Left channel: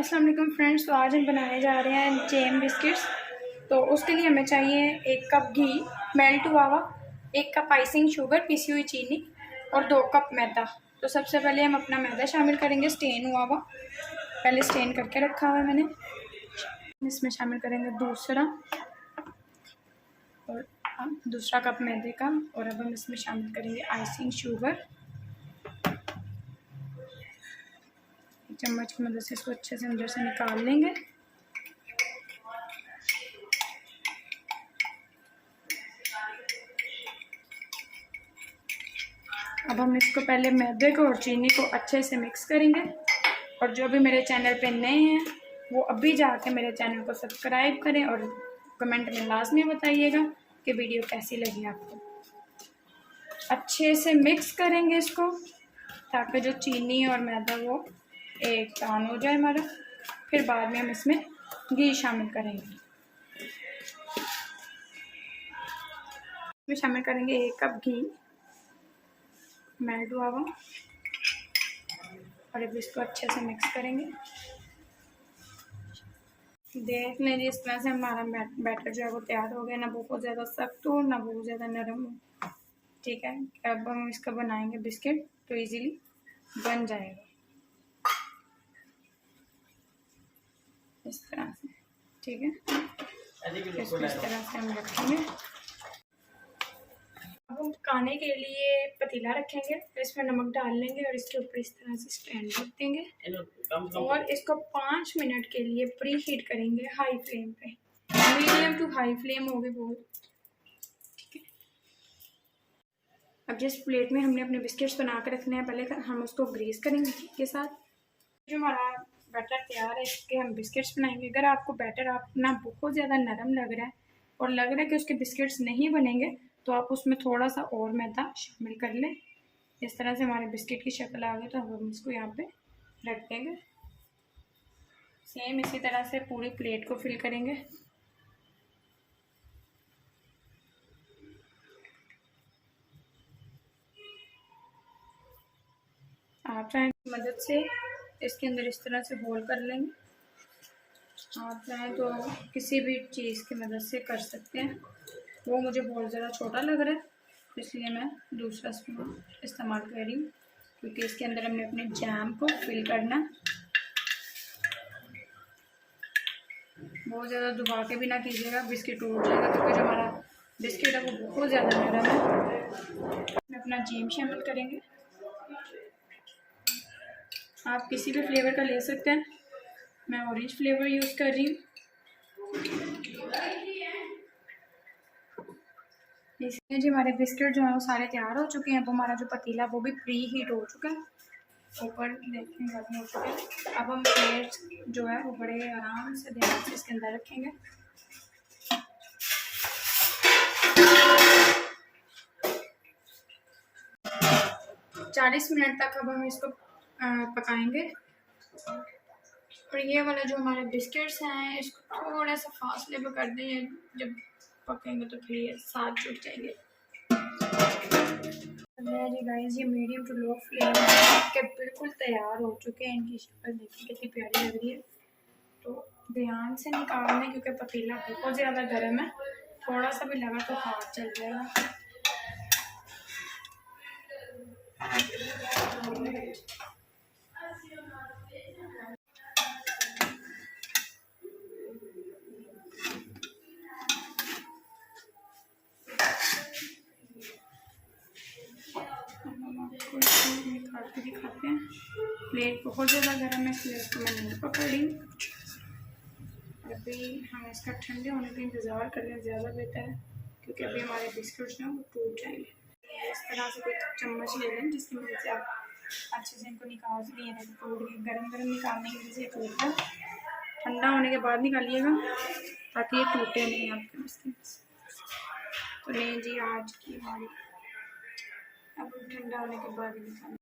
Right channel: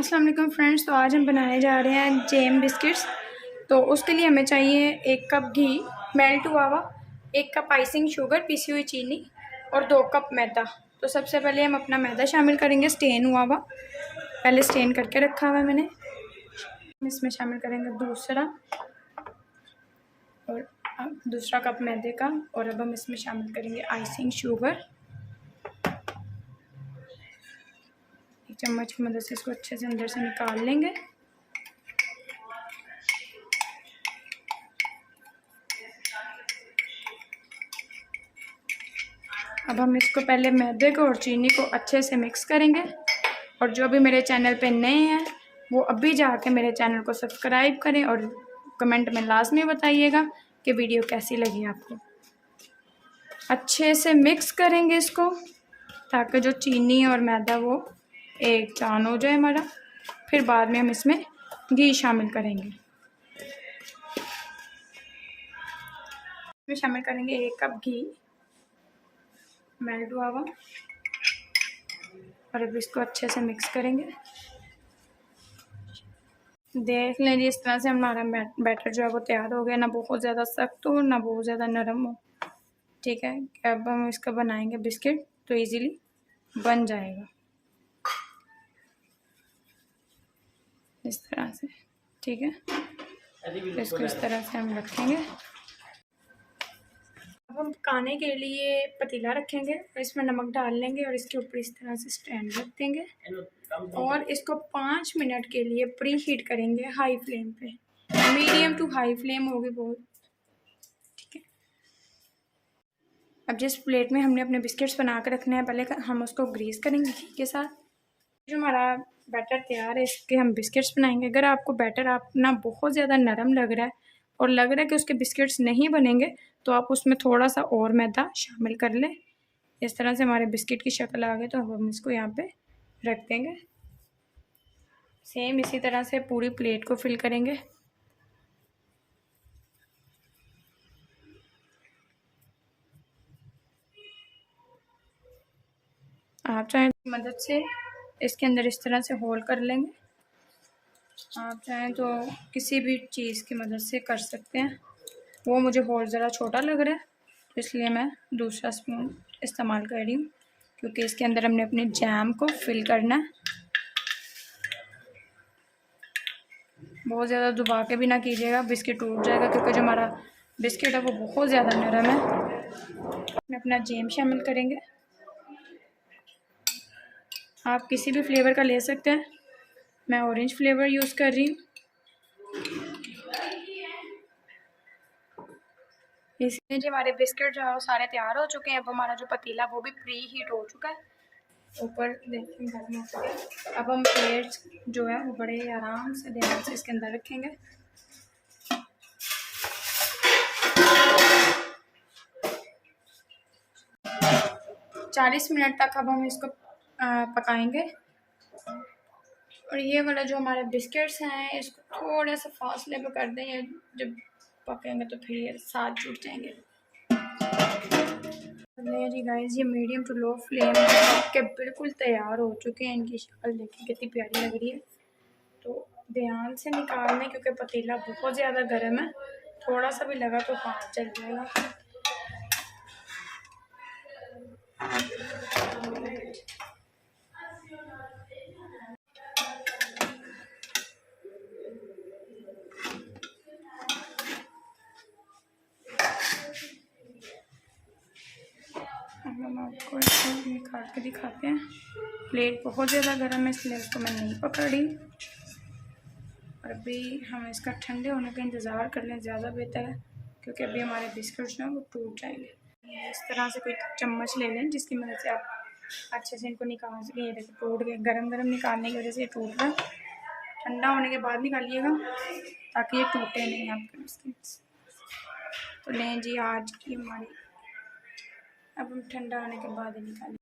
अस्सलाम वालेकुम फ्रेंड्स। तो आज हम बनाने जा रहे हैं जेम बिस्किट्स। तो उसके लिए हमें चाहिए 1 कप घी मेल्ट हुआ हुआ, 1 कप आइसिंग शुगर पिसी हुई चीनी और 2 कप मैदा। तो सबसे पहले हम अपना मैदा शामिल करेंगे, स्टेन हुआ हुआ, पहले स्टेन करके रखा हुआ है मैंने। इसमें शामिल करेंगे दूसरा कप मैदे का। और अब हम इसमें शामिल करेंगे आइसिंग शुगर। चम्मच की मदद से इसको अच्छे से अंदर से निकाल लेंगे। अब हम इसको पहले मैदे को और चीनी को अच्छे से मिक्स करेंगे। और जो भी मेरे चैनल पे नए हैं वो अभी जाके मेरे चैनल को सब्सक्राइब करें और कमेंट में लाजमी बताइएगा कि वीडियो कैसी लगी आपको। अच्छे से मिक्स करेंगे इसको ताकि जो चीनी और मैदा वो एक जान हो जाए हमारा। फिर बाद में हम इसमें घी शामिल करेंगे। इसमें शामिल करेंगे 1 कप घी मेल्ट हुआ हुआ। और अब इसको अच्छे से मिक्स करेंगे। देख लीजिए इस तरह से हमारा बैटर जो है वो तैयार हो गया, ना बहुत ज़्यादा सख्त हो ना बहुत ज़्यादा नरम हो। ठीक है, अब हम इसका बनाएंगे बिस्किट तो इजीली बन जाएगा इस तरह से। ठीक है, तो इसको इस तरह से हम रखेंगे। अब हम पकाने के लिए पतीला रखेंगे और इसमें नमक डाल लेंगे और इसके ऊपर इस तरह से स्टैंड रख देंगे और इसको 5 मिनट के लिए प्री हीट करेंगे हाई फ्लेम पे। मीडियम टू हाई फ्लेम होगी बहुत। ठीक है, अब जिस प्लेट में हमने अपने बिस्किट्स बना कर रखने हैं पहले हम उसको ग्रीस करेंगे घी के साथ। जो हमारा बैटर तैयार है इसके हम बिस्किट्स बनाएंगे। अगर आपको बैटर अपना बहुत ज़्यादा नरम लग रहा है और लग रहा है कि उसके बिस्किट्स नहीं बनेंगे तो आप उसमें थोड़ा सा और मैदा शामिल कर लें। इस तरह से हमारे बिस्किट की शक्ल आ गई तो हम इसको यहाँ पे रख देंगे। सेम इसी तरह से पूरी प्लेट को फिल करेंगे। आप चाहें मदद से इसके अंदर इस तरह से होल कर लेंगे। आप चाहें तो किसी भी चीज़ की मदद से कर सकते हैं। वो मुझे बहुत ज़्यादा छोटा लग रहा है तो इसलिए मैं दूसरा स्पून इस्तेमाल कर रही हूँ, क्योंकि इसके अंदर हमने अपने जैम को फिल करना है। बहुत ज़्यादा दबा के भी ना कीजिएगा, बिस्किट टूट जाएगा, क्योंकि जो हमारा बिस्किट है वो बहुत ज़्यादा नरम है। मैं अपना जैम शामिल करेंगे। आप किसी भी फ्लेवर का ले सकते हैं, मैं ऑरेंज फ्लेवर यूज़ कर रही हूँ। इसलिए जी हमारे बिस्किट जो है वो सारे तैयार हो चुके हैं। अब हमारा जो पतीला वो भी प्री हीट हो चुका है, ऊपर देखिए गर्म हो चुका है। अब हम प्लेट जो है वो बड़े आराम से ध्यान से इसके अंदर रखेंगे। और 40 मिनट तक अब हम इसको पकाएंगे। और ये वाला जो हमारे बिस्किट्स हैं इसको थोड़ा सा फासले पे कर देंगे, जब पकेंगे तो फिर ये साथ जुड़ जाएंगे। जी गाइस, ये मीडियम टू लो फ्लेम के बिल्कुल तैयार हो चुके हैं। इनकी शक्ल देखिए कितनी प्यारी लग रही है। तो ध्यान से निकाल लें क्योंकि पतीला बहुत ज़्यादा गर्म है, थोड़ा सा भी लगा तो हाथ जल जाएगा। हम आपको इसको निकाल के दिखाते हैं। प्लेट बहुत ज़्यादा गर्म है इसलिए इसको मैं नहीं पकड़ रही। और अभी हम इसका ठंडे होने का इंतज़ार कर लें, ज़्यादा बेहतर है, क्योंकि अभी हमारे बिस्किट्स जो हैं वो टूट जाएंगे। इस तरह से कोई चम्मच ले लें जिसकी मदद से आप अच्छे से इनको निकाल सकें। ये देखो टूट गए, गरम गरम निकालने की वजह से ये टूट रहा है। ठंडा होने के बाद निकालिएगा ताकि ये टूटे नहीं आपके बिस्किट्स। तो नहीं जी, आज की हमारी अब ठंडा होने के बाद ही निकालें।